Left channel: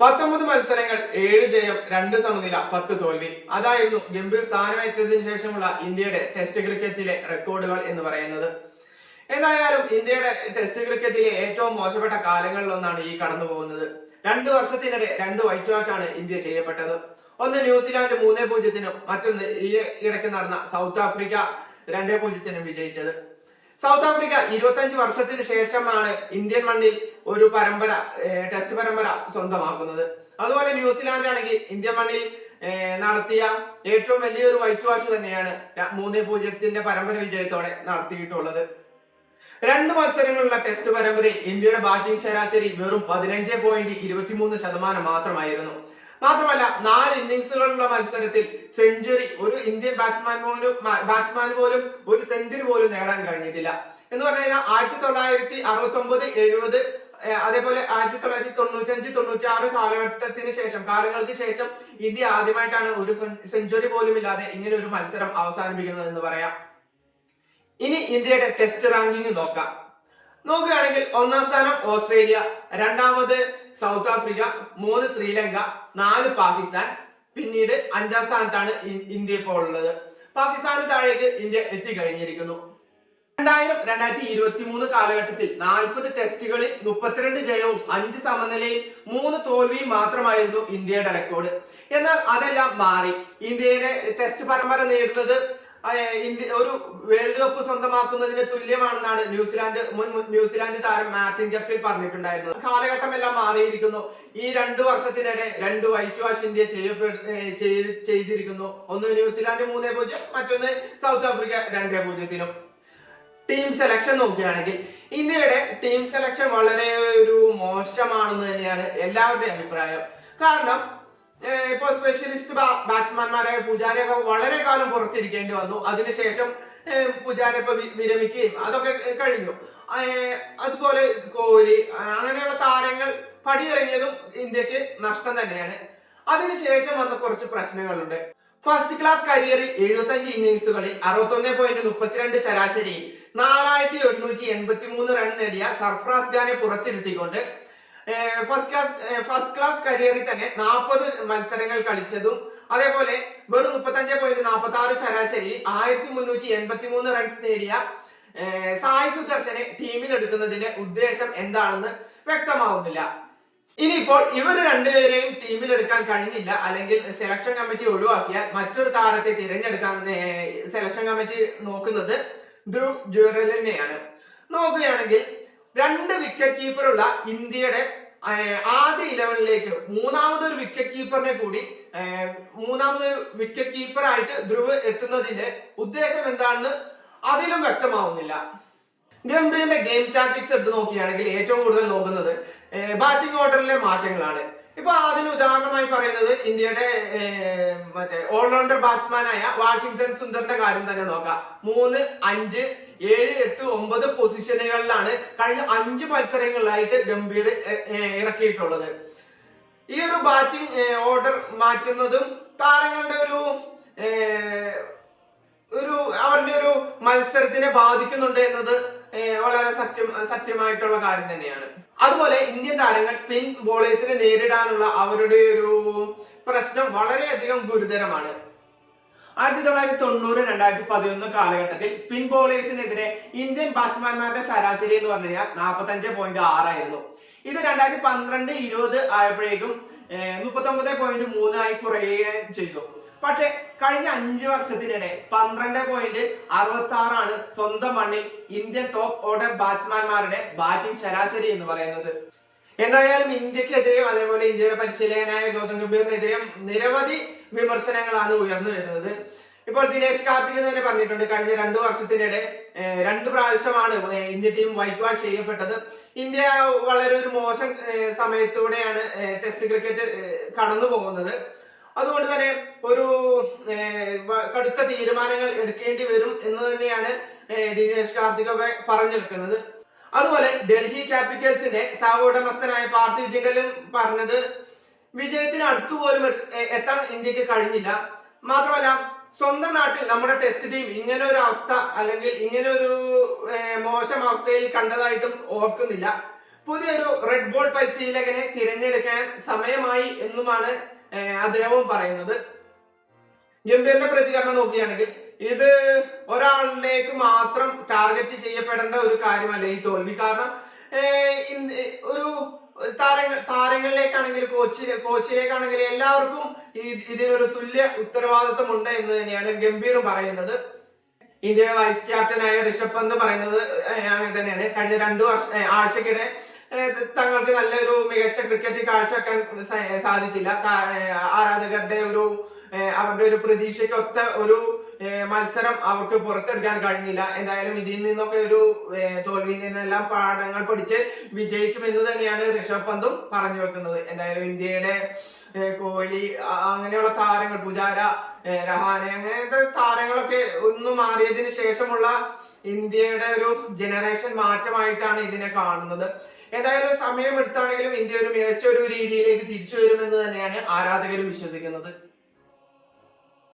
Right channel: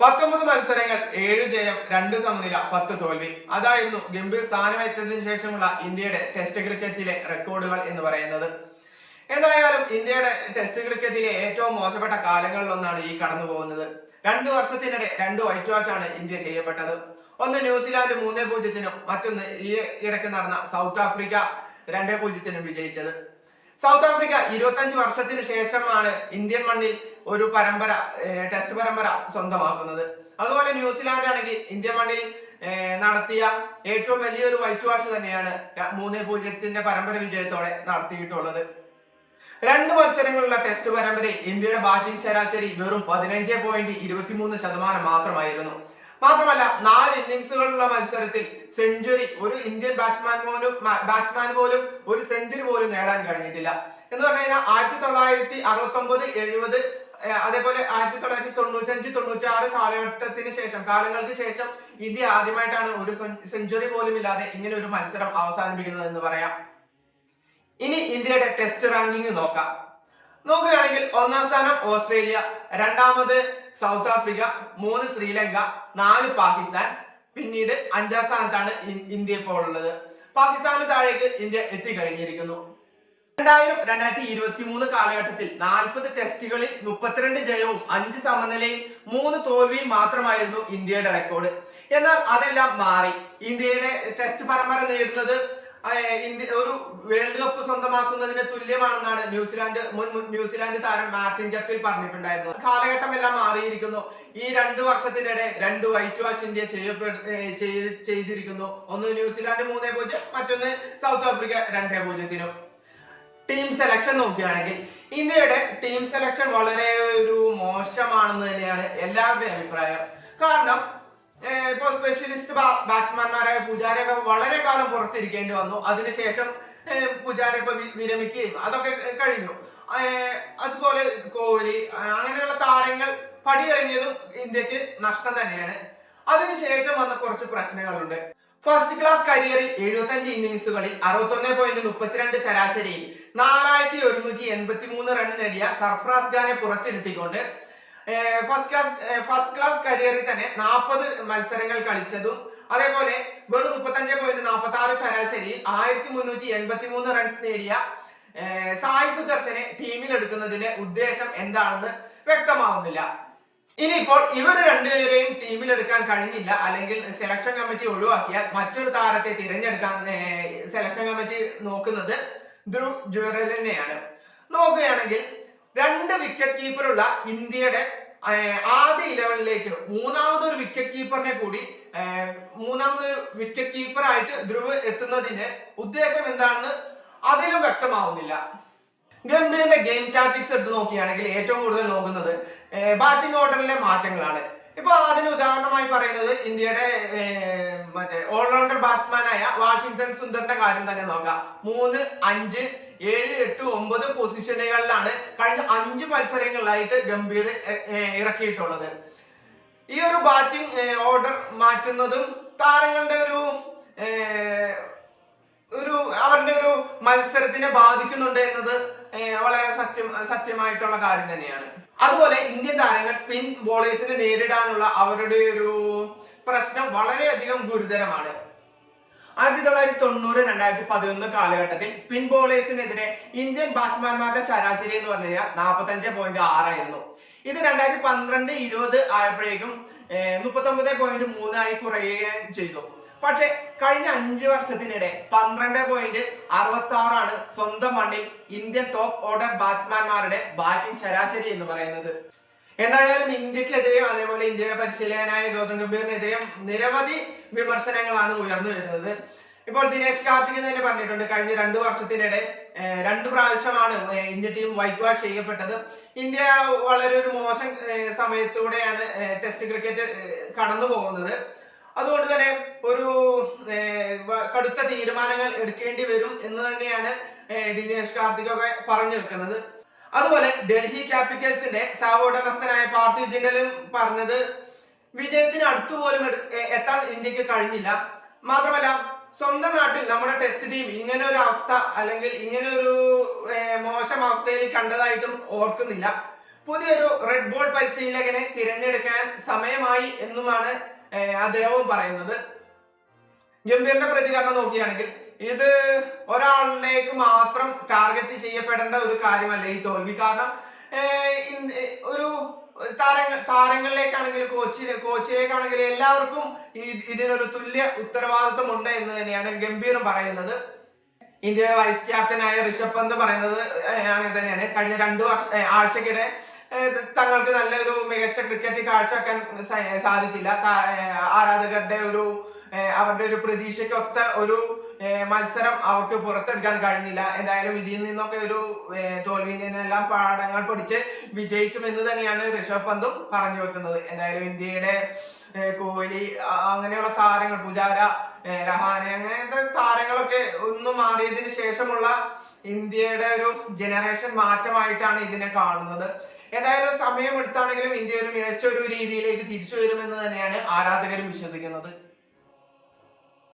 19 മത്സരങ്ങൾ 7 ജയം 2 സമനില 10 തോൽവി. അതായിരുന്നു ഗംഭീർ സ്ഥാനമേറ്റതിനു ശേഷമുള്ള ഇന്ത്യയുടെ ടെസ്റ്റ് ക്രിക്കറ്റിലെ റെക്കോർഡുകൾ എന്ന് പറയുന്നത്. എന്തായാലും ഇന്ത്യയുടെ ടെസ്റ്റ് ക്രിക്കറ്റിലെ ഏറ്റവും മോശപ്പെട്ട കാലങ്ങളിലൊന്നാണ് ഈ കടന്നു പോകുന്നത്. 2 വർഷത്തിനിടെ 2 വൈറ്റ് വാഷ് ആണ് ഇന്ത്യ ചെയ്യപ്പെട്ടത്. ഒന്ന് ന്യൂസിലാൻഡ് 3-0, മറ്റൊന്ന് ഈ ഇടയ്ക്ക് നടന്ന സൗത്ത് ആഫ്രിക്ക 2-0 വിജയിച്ചത്. സൗത്ത് ആഫ്രിക്ക 25 വർഷത്തിന് ശേഷമാണ് ഇന്ത്യൻ മണ്ണിൽ ഒരു ടെസ്റ്റ് പരമ്പര സ്വന്തമാക്കുന്നത്. അതുപോലെ ന്യൂസിലാൻഡ് ആണെങ്കിൽ ഇന്ത്യൻ മണ്ണിൽ നടത്തിയ ഏറ്റവും വലിയൊരു വൈറ്റ് വാഷ് തന്നെയാണ് 3-0 പരമ്പര വിജയത്തോടെ നടത്തിയിട്ടുള്ളത്. 2 മത്സരങ്ങളുള്ള ടെസ്റ്റ് പരമ്പരയിൽ ഇന്ത്യയുടെ ബാറ്റിംഗ് ശരാശരി വെറും 15.23% മാത്രമായിരുന്നു. മാത്രമല്ല 4 ഇന്നിംഗ്സുകളുള്ള മത്സരത്തിൽ സെഞ്ചുറി ഒരു ഇന്ത്യൻ ബാറ്റ്സ്മാൻ പോലും ഒരു സെഞ്ചുറി പോലും നേടാൻ കഴിഞ്ഞിട്ടില്ല. എന്ന് പറഞ്ഞു കഴിഞ്ഞാൽ 1969, 70, അതേപോലെ 1995-96 കാലങ്ങൾക്ക് ശേഷം ഇന്ത്യ ആദ്യമായിട്ടാണ് ഒരു സെഞ്ചുറി പോലും ഇല്ലാതെ ഇങ്ങനെ ഒരു മത്സരം അവസാനിപ്പിക്കുന്നത് എന്ന് പറയാം. ഇനി ഇന്ത്യയുടെ ടെസ്റ്റ് റാങ്കിങ് നോക്കുകയാണെങ്കിൽ 1-ാം സ്ഥാനം ഓസ്ട്രേലിയ, 2-ാമത് സൗത്ത് ആഫ്രിക്ക, 3 ശ്രീലങ്ക, 4 പാകിസ്ഥാൻ, പിന്നീട് 5-ാം സ്ഥാനത്താണ് ഇന്ത്യ ഇപ്പോൾ ഉള്ളത്. പാകിസ്ഥാന് താഴേക്ക് ഇന്ത്യ എത്തിക്കഴിഞ്ഞിരിക്കുന്നു. 2000-2023 കാലഘട്ടത്തിൽ 40 ടെസ്റ്റുകളിൽ 32 ജയവും 5 സമനിലയും 3 തോൽവിയും മാത്രമായിരുന്നു ഇന്ത്യയുടെ റെക്കോർഡ്. എന്നാൽ അതെല്ലാം മാറി. ഇന്ത്യയുടെ ടെസ്റ്റ് പരമ്പര നേടുന്നത് ഒരു വേൾഡ് കപ്പ് സ്വന്തമാക്കുന്നതിന് തുല്യമാണെന്നാണ് മുൻ ന്യൂസിലാൻഡ് താരം മാർട്ടിൻ ഗപ്റ്റിൽ പറഞ്ഞിട്ടുണ്ടായിരുന്നത്. കാലഘട്ടമെല്ലാം മാറിയിരിക്കുന്നു. ഈ 2 വർഷത്തിനിടെ 2 വൈറ്റ് വാഷ് ഇന്ത്യ ചെയ്തിരിക്കുന്നു. ഒന്ന് ന്യൂസിലാൻഡ് 3-0, മറ്റൊന്ന് സൗത്ത് ആഫ്രിക്ക 2-0. ടീം സെലക്ഷൻ നോക്കുകയാണെങ്കിൽ ഇന്ത്യയുടെ ടീം സെലക്ഷൻ വളരെ ഒരു മോശമാണെന്ന് തന്നെയാണ് എല്ലാവരുടെയും അഭിപ്രായം. കാരണം ഇപ്പോൾ സ്പെഷ്യലിസ്റ്റ് ബാറ്റ്സ്മാൻമാരായ പുജാരയൊക്കെ വളരെ കാലം പുറത്തിരിക്കേണ്ടി വന്നു. അതിനുശേഷം പുജാര ഇപ്പൊ വിരമിക്കുകയും അതൊക്കെ കഴിഞ്ഞു. അതുപോലെ കോഹ്ലി അങ്ങനെയുള്ള താരങ്ങൾ പടിയിറങ്ങിയതും ഇന്ത്യക്ക് നഷ്ടം തന്നെയാണ്. അതിനുശേഷം വന്ന കുറച്ച് പ്രശ്നങ്ങളുണ്ട്. ഫസ്റ്റ് ക്ലാസ് കരിയറിൽ 75 ഇന്നിംഗ്സുകളിൽ 61.32 ശരാശരിയിൽ 4183 റൺ നേടിയ സർഫറാസ് ഖാനെ പുറത്തിരുത്തിക്കൊണ്ട് ഫസ്റ്റ് ക്ലാസ് കരിയറിൽ തന്നെ 40 മത്സരങ്ങൾ കളിച്ചതും അതേപോലെ വെറും 35.46 ശരാശരി 1383 റൺസ് നേടിയ സായ് സുദർശനെ ടീമിൽ എടുക്കുന്നതിന്റെ ഉദ്ദേശം എന്താണെന്ന് വ്യക്തമാവുന്നില്ല. ഇനിയിപ്പോൾ ഇവർ രണ്ടുപേരെയും ടീമിൽ എടുക്കാൻ കഴിഞ്ഞില്ല, അല്ലെങ്കിൽ സെലക്ഷൻ കമ്മിറ്റി ഒഴിവാക്കിയാൽ മറ്റൊരു താരത്തെ തിരഞ്ഞെടുക്കാൻ സെലക്ഷൻ കമ്മിറ്റി നോക്കുന്നത് ധ്രുവ് ജുറലിനെയാണ്. നോക്കുകയാണെങ്കിൽ 2 വിക്കറ്റ് കീപ്പറുള്ള ഇന്ത്യയുടെ ആദ്യ 11ലേക്ക് മൂന്നാമതൊരു വിക്കറ്റ് കീപ്പറായിട്ട് ധ്രുവ് എത്തുന്നതിന്റെ ഉദ്ദേശം എന്താണെന്ന് അതിലും വ്യക്തമാവുന്നില്ല. ഗംഭീറിന്റെ ഗെയിം ടാക്ടിക്സ് എടുത്ത് നോക്കുകയാണെങ്കിൽ ഏറ്റവും കൂടുതൽ നോക്കുന്നത് ബാറ്റിംഗ് ഓർഡറിലെ മാറ്റങ്ങളാണ്. ഇപ്പൊ അതിന് ഉദാഹരണമായി പറയുന്നത് ഇന്ത്യയുടെ ഓൾറൗണ്ടർ ബാറ്റ്സ്മാനായ വാഷിംഗ്ടൺ സുന്ദറിന്റെ കാര്യം തന്നെ നോക്കാം. 3, 5, 7, 8, 9 പൊസിഷനുകളിലാണ് കഴിഞ്ഞ 5 മത്സരങ്ങളിലായിട്ട് ഗംഭീർ ഇറക്കിയിട്ടുള്ളത്. ഈ ഒരു ബാറ്റിംഗ് ഓർഡർ മാറ്റുന്നതും താരങ്ങളുടെ അവരുടെ ഒരു മത്സരത്തിനെ ബാധിക്കുന്നുണ്ട് എന്നത് വളരെ സത്യമായിട്ടുള്ള കാര്യം തന്നെയാണ്. അതുപോലെ ഇന്ത്യൻ താരങ്ങൾ സ്പിൻ ബോളേഴ്സിനെ നേരിടാനുള്ള അവരുടെ ഒരു പ്രശ്നം വളരെയധികം ഗുരുതരമാണ്. 1990-2011 കാലഘട്ടത്തിൽ സ്പിൻ ബോളേഴ്സിനെതിരെ ഇന്ത്യൻ ബാറ്റ്സ്മാൻമാരുടെ ശരാശരി എന്ന് പറഞ്ഞു കഴിഞ്ഞാൽ 45.6 ആയിരുന്നു. ഇത് 2012-20 ആയപ്പോഴേക്കും 39.3 ആയി കുറയുകയും ചെയ്തു. പക്ഷെ കഴിഞ്ഞ 5 വർഷത്തിനിടെ 12.66 ആണ് സ്വന്തം മണ്ണിൽ ഇന്ത്യൻ ടോപ്പ് ഓർഡർ ബാറ്റ്സ്മാൻമാരുടെ ബാറ്റിംഗ് ശരാശരി എന്ന് പറയുന്നത്. എന്തായാലും ഇന്ത്യക്കെതിരെയും അതേപോലെ ഇന്ത്യയുടെ പരിശീലകനായ ഗൗതം ഗംഭീറിനെതിരെയും നിരവധി വിമർശനങ്ങളാണ് ഉയർന്നു വരുന്നത്. ഇപ്പോൾ ദിനേശ് കാർത്തിക് തന്നെ പറഞ്ഞിട്ടുണ്ട്, കഴിഞ്ഞ 2 വർഷത്തിനിടെ 2 പ്രാവശ്യമാണ് ഇന്ത്യ ടീം വൈറ്റ് വാഷ് ചെയ്യപ്പെട്ടത്. ഇന്ത്യ വളരെ ഒരു മോശം സമയത്തൂടെയാണ് ടെസ്റ്റ് ക്രിക്കറ്റ് കടന്നു പോകുന്നത്. അതുകൊണ്ട് തന്നെ ഒരു കടുത്ത തീരുമാനങ്ങൾ എടുക്കേണ്ടി വരും എന്ന് തന്നെയാണ് ദിനേശ് കാർത്തിക് ഒക്കെ പറഞ്ഞു വെക്കുന്നത്. അതുപോലെ ഡൽഹി ക്യാപിറ്റൽസിന്റെ സഹോടമസ്ഥനായ പാർത്ഥിവ് ജിൻഡലും പറഞ്ഞത് വിജയത്തിന് അടുത്തുപോലും എത്താൻ ഇന്ത്യക്ക് കഴിഞ്ഞില്ല. മാത്രമല്ല സ്വന്തം നാട്ടിൽ നമ്മുടെ ടെസ്റ്റ് ടീം ഇങ്ങനെ ഒരു അവസ്ഥ അല്ലെങ്കിൽ ഇങ്ങനെ ഒരു മോശം അവസ്ഥയിൽ കണ്ടതായിട്ടും ഓർക്കുന്നില്ല. പുതിയൊരു റെഡ് ബോൾ പരിശീലകനെ തിരഞ്ഞെടുക്കാൻ സമയമായി എന്നുമാണ് അദ്ദേഹവും പറയുന്നത്. ഗംഭീറിന്റെ പ്രതികരണം നോക്കുകയാണെങ്കിൽ ഇത് ഒരാളിലേക്ക് മാത്രം ടാർഗറ്റ് ചെയ്യപ്പെടേണ്ട ഒരു കാര്യമല്ല ഈ തോൽവി. കാരണം ഒരു താരങ്ങളിലേക്കാണെങ്കിൽ കോച്ചിലേക്കാണെങ്കിൽ എല്ലാവർക്കും ഇതിനൊരു തുല്യ ഉത്തരവാദിത്വം ഉണ്ട് എന്ന് തന്നെയാണ് ഗംഭീറും പറയുന്നത്. ഇന്ത്യയുടെ വൈസ് ക്യാപ്റ്റനായ ഋഷഭ് പന്ത് പറയുന്നത് അങ്ങനെ തന്നെയാണ്. കഴിഞ്ഞ 2 ആഴ്ചക്കിടെ തങ്ങൾക്ക് നല്ലൊരു മികച്ച ക്രിക്കറ്റ് കാഴ്ചവെക്കാൻ സാധിച്ചില്ല. ആരാധകരുടെ അവരുടെ ഒരു പ്രതീക്ഷയ്ക്കൊത്ത ഒരു മത്സരം അവർക്ക് പുറത്തെടുക്കാൻ കഴിഞ്ഞില്ല. എന്തായാലും ഇതിൽ നിന്നൊക്കെ ഒരു തോൽവിയിൽ നിന്നെല്ലാം പാഠങ്ങൾ പഠിച്ച് വിജയിക്കുമെന്ന് തന്നെയാണ് ഋഷഭ് പന്തും പറഞ്ഞു വെക്കുന്നത്. എന്തായാലും ഇന്ത്യയുടെ കോഹ്ലി അങ്ങനെയുള്ള താരങ്ങൾ, പുജാര, രഹാനെ അങ്ങനത്തെ താരങ്ങളൊക്കെ ഒന്ന് മാറിയതിന് ശേഷമുള്ള ഇന്ത്യയുടെ ഒരു ജനറേഷൻ മാറ്റമായിട്ടാണ് ഇതിനെ കാണുന്നത്. ഏതായാലും സമയം എടുത്താണെങ്കിലും ഇന്ത്യ ഒരു മികച്ച ഒരു രീതിയിലേക്ക് തിരിച്ചു വരുമെന്ന് തന്നെയാണ് ആരാധകരും വിശ്വസിക്കുന്നത്.